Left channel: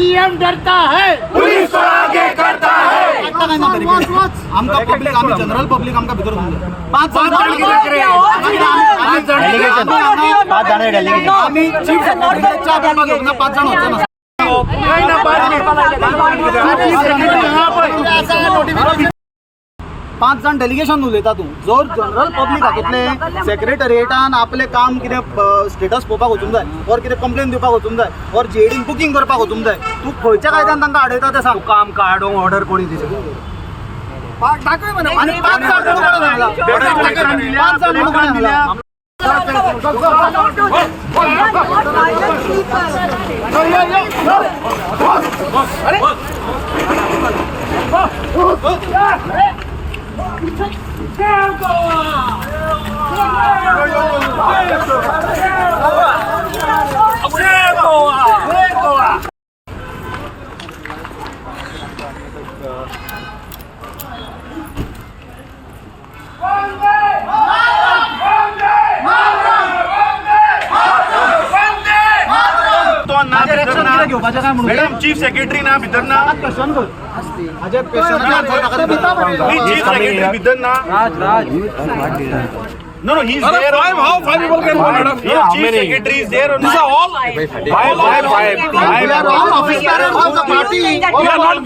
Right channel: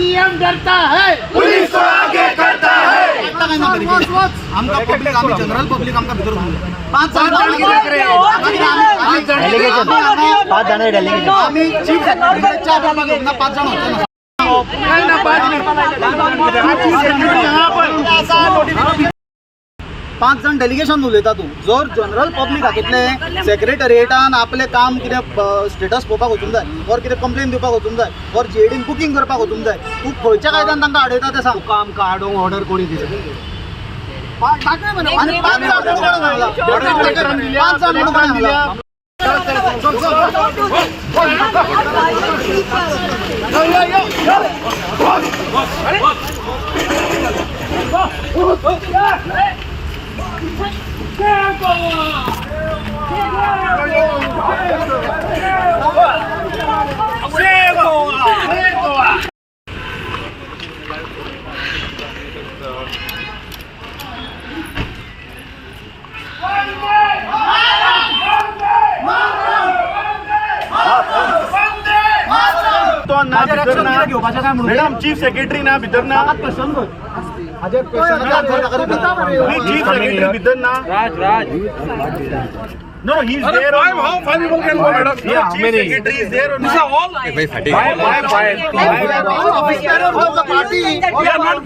CM डरता है, police तो आगे करता है। आमका पब्लिक आम्ही जनरल पब्लिक आमका भितर घेऊन जा. 5 जण आम्ही चीफ सेक्रेटरीच्या बरोबर 5 जण होतो ना. नहीं ना 5 मिनट चीफ सेक्रेटरी यहाँ पर 5 जण डेलिगेशन उलयता तूं. जर जनरल पब्लिक हातूंतले सेक्रेटरिएटान आपलें काम कितें स्टेटस पळोवपाक वचूंक जाय और कितें कंप्लेन दिवपाक वचूंक जाय और जेडीन बुकींग करपाक वचूंक जाय, तूं खंयच्या कायद्यान तांकां आडयता तें सांग. तुका आमकां आडोवंक ऑर्डर कोणी दिली? आनी 5 जाण म्हणून कोणें सांगला? 5 जाण म्हणून कोणें सांगला? मॅडम चीफ सेक्रेटरी ना भितर ना, क्वेश्चन कर. हाजे क्वेश्चनाचे आन्सर ताका दिता. चीफ सेक्रेटरी भितर ना. No, he's there. How five people can go, madam? Chief secretary is there or not? Five. All office bearers of the party. We are not